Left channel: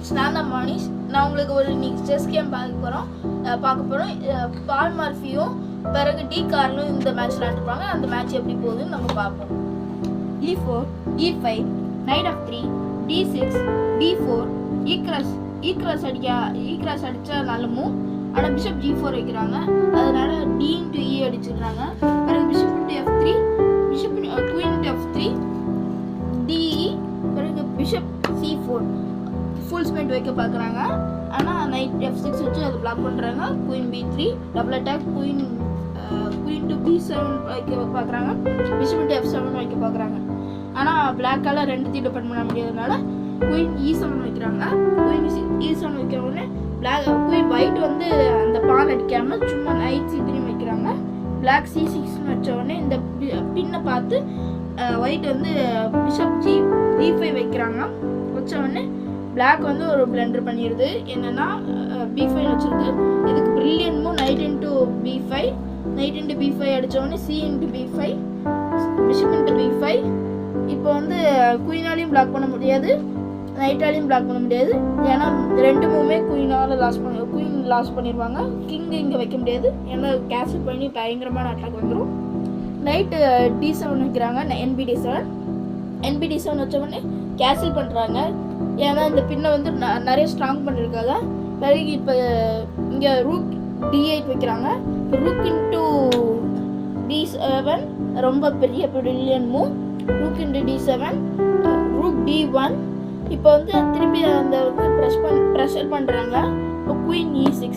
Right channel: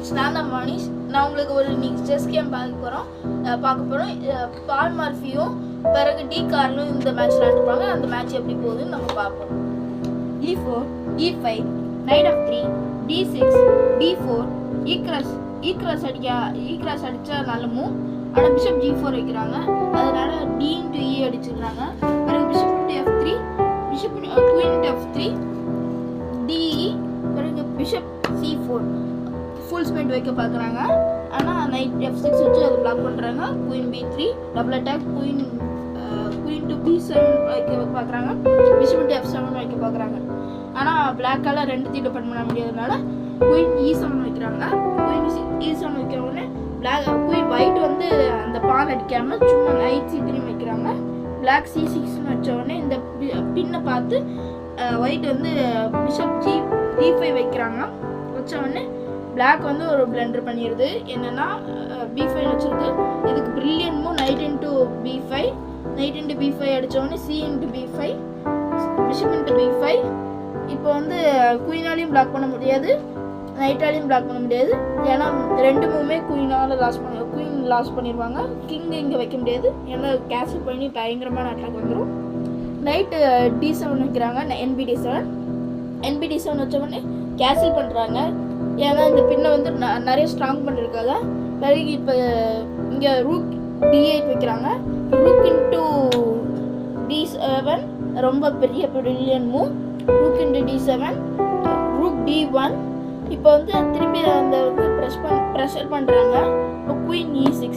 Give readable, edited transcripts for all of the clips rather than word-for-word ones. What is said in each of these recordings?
Friends, நான் தான் மனிஷ். நான் உங்களுக்கு ஒரு இன்னைக்கு செஸ் கேம் பார்க்க போகிறோம். பால் மார்ஃபியும் பிறகு டி கார்லும் இந்த மேட்ச் விளையாண்டுப்பாங்க. அந்த மேட்ச் எப்படி போகுதுன்னு நம்ம பார்ப்போம். E4, E5, Knight of 3, D6, D4, E cross அடித்தா நல்ல மூவ். ஆனால் பிஷப் G4 வைக்கிறாங்க, அதனால D into E அடிச்சுக்கிறாங்க. பிறகு bishop into F3, queen into F3, DE, பிறகு பிஷப் C4 ஃபுல் ஸ்பெண்ட் வைக்க பார்க்குறாங்க. ஆனால் நைட் F6 வச்சு அதை பிளாக் பண்ணுறாங்க. Queen B3 double attack, queen to B7 வைக்க பார்க்குறாங்க. பிஷப் into F7 வைக்க பார்க்குறாங்க. ஆனால் பிளாக்கால் ரெண்டுத்தையும் டிபெண்ட் பண்ண முடியாதனால குயின் E7 வைக்கிறாங்க. குயின் E7 வைக்கிற உடனே குயின் ஒயிட் வந்து அந்த பால் அடிக்காமல் சும்மா நைட் C3 வைக்கிறாங்க. பிளாக் C6 வச்ச உடனே இந்த பின்னை பார்த்து ஒயிட் வந்து பிஷப் D5 வைக்கிறாங்க. வச்ச உடனே பிளாக் வந்து ஒரு பிளண்டர் பண்ணிடுது. என்னன்னா B5 வச்சிருக்கு. இதுக்கு brilliant move night into B5 அடித்த உடனே C into B5, bishop into B5. இப்போ வந்து குயினாலையும் பிளாக் பண்ண முடியாது, நைட்டாலையும் பிளாக் பண்ண முடியாது. ஏன்னா ரெண்டு மூவுமே குயின் லாஸ் பண்ணிடுவாங்க. கிங் இங்கே வைக்க முடியாது, ஏன்னா கேன்சல் பண்ணி பயங்கரமான அட்டாக் வந்துடும். நைட்டு D7 வைக்கிறாங்க. NBD7 வச்ச உடனே கேன்சல் பண்ணுறாங்க. ஏன்னா இந்த பின்னை வந்து நிறைய ஸ்ட்ராங் பண்ணியிருக்காங்க. பிறகு இப்போ இங்கே ரூக் D8 வைக்கிறாங்க. ரூக் இன்ட்டு D7 ரொம்ப பெரிய brilliant move. Rook into D7, rook D1. இப்போ வந்து திருப்பி அந்த வந்து ப்ரெஷர் பண்ணுறாங்க. இப்போ குயின் E6.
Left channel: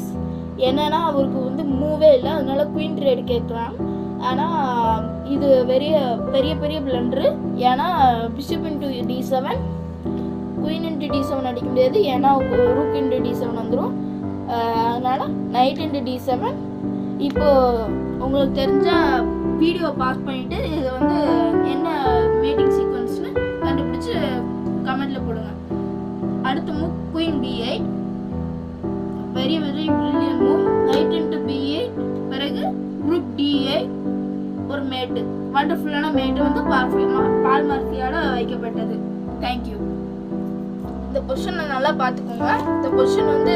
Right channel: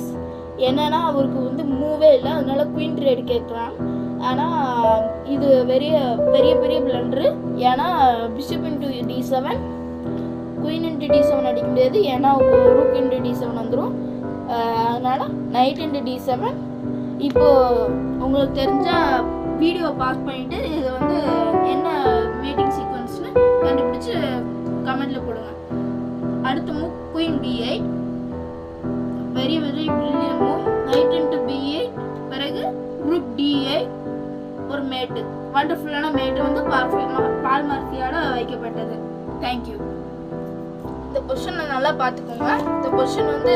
என்னன்னா அவருக்கு வந்து மூவே இல்லை, அதனால குயின் ட்ரேடு கேட்கலாம். ஆனால் இது பெரிய பிளண்டரு. ஏன்னா bishop into D7, queen into D7 அடிக்க முடியாது, ஏன்னா ரூக் இன்ட்டு D7 வந்துடும். அதனால் நைட் இன்ட்டு D7. இப்போது உங்களுக்கு தெரிஞ்சால் வீடியோ பாஸ் பண்ணிவிட்டு இதை வந்து என்ன மேட்டிங் சீக்வன்ஸ்னு கண்டுபிடிச்சி கமெண்டில் போடுங்க. அடுத்த move queen B8, very brilliant move. Night into B8, பிறகு ரூக் D8, ஒரு மேட்டு, வண்டர்ஃபுல்லான மேட்டு வந்து பால் மார்ஃபியால் வைக்கப்பட்டது. தேங்க்யூ. இந்த பொசிஷனை நல்லா பார்த்துக்கோங்க. இந்த பொசிஷன் வந்து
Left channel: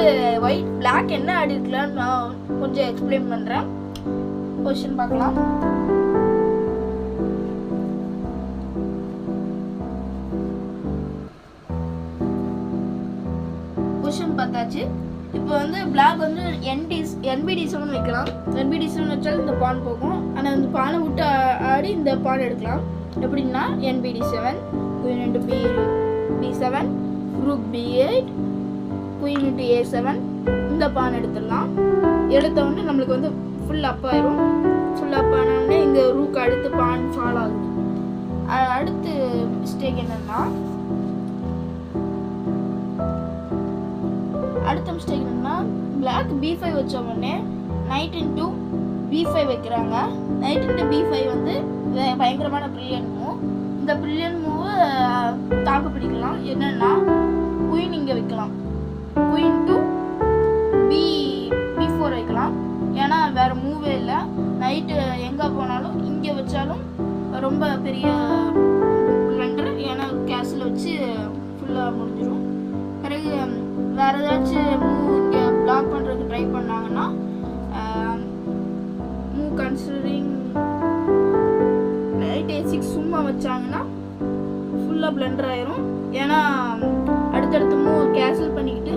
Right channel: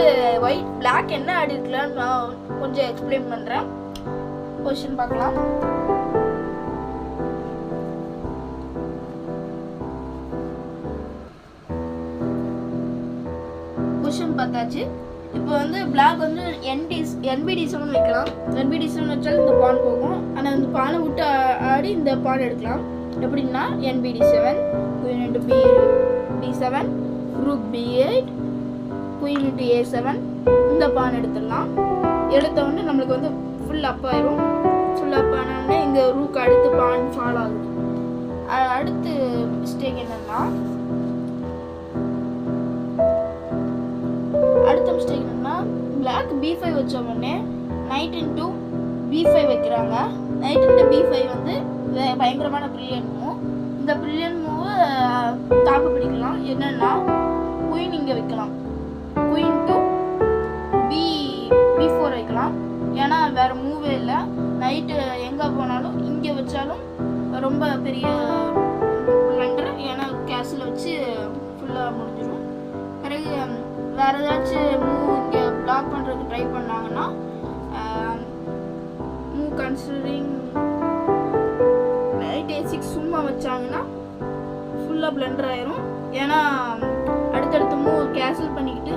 பிளாக் என்ன ஆடி இருக்கலான்னு நான் கொஞ்சம் எக்ஸ்பிளைன் பண்ணுறேன். பொசிஷன் பார்க்கலாம். பொசிஷன் பார்த்தாச்சு. இப்போ வந்து பிளாக் வந்து NBD7 வைக்கலாம். NBD7 வச்சாலும் இந்த பான் போகும், ஆனால் இந்த பானை விட்டு ஆடி இந்த பான் எடுக்கலாம். எப்படின்னா NBD7, queen into B7, rook B8, queen into A7, இந்த பான் எடுத்துடலாம். எடுத்த உடனே நம்மளுக்கு வந்து ஃபுல் அப் ஆயிரும். ஃபுல் அப் ஆனோடனே இங்கே ரூக் அடுத்து பான் ஃபால் ஆகுது. அடுத்து மிஸ்டேக் என்னன்னா பிளாக் B5 வச்ச உடனே நைட் இன்ட்டு B5 வைக்கிறாங்க. நைட் இன்ட்டு B5 வந்து பயங்கரமான பிரில்லியன்ட் மூவ். இந்த பிரில்லியன்ட் மூவை தாக்கு பிடிக்கலாம். என்னன்னா குயின் இங்கே வைக்கலாம். குயின் டு B4 வைக்கலாம், ஏன்னா வேறு மூவே இல்லை. நைட்டு எங்கே போனாலும் இங்கே வச்சாலும் ரொம்ப பெரிய பிளண்டர், ஏன்னா கேஸில் வச்சு ஃபுல்லாக முடிஞ்சிடும். பிறகு வேறு ஏதாச்சும் மூவ் இங்கே பிளாக் பண்ணுறதுக்கு ட்ரை பண்ணாங்கன்னா மூவ் கன்சிடரிங் நைட் A6 சும்மா வச்சாங்கன்னா ஃபுல்லாக பிளண்டர் ஆயிரும். ஏன்னா அடுத்தடுத்த மூவ் கேன்சல் பண்ணிக்கிட்டு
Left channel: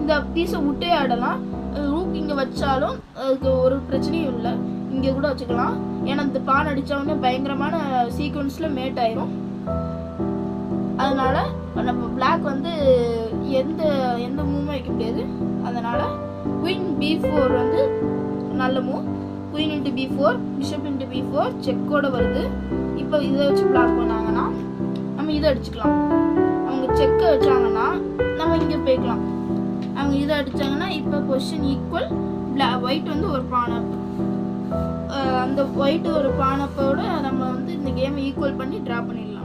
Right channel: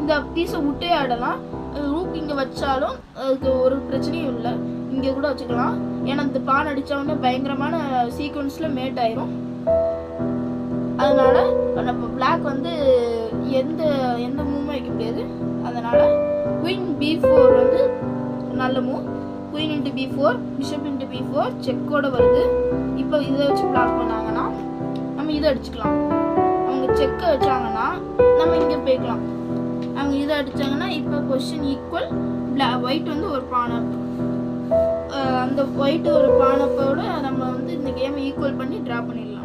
இந்த பீஸை விட்டே ஆடலாம். ரூக் இங்கே வச்சாலும் அதுக்கு ஒரு பிரச்சனையும் இல்லை, இங்கே கூட வச்சுக்கலாம். ஏன்னா இந்த பான் அடித்தோடனே பயங்கரமான சீக்வன்ஸில் மேட் ஆயிரும். அதனால் நம்ம பிளாக் வந்து எந்த மூவும் வைக்க முடியாது. அதனால் குயின் B4 வந்து நல்ல move. Queen into B4, bishop into B4 செக்கோட வருது. இப்போ இதை வச்சு பிளாக் பண்ணாங்கன்னா நம்ம இதை அடிச்சுக்கலாம். அவங்க செக்கை வச்சாங்கன்னா நம்ம இங்கே போய்க்கலாம். அவங்க இதை அடித்தாங்கன்னா இப்போ பொசிஷன் ஈக்குவல். ஒயிட் வந்து ஒரு பானப், அந்த ஒயிட் ஒரு பானப்போட நம்ம வந்து இந்த கேமை ஈக்குவல் பண்ணி ட்ரா பண்ணிடலாம்.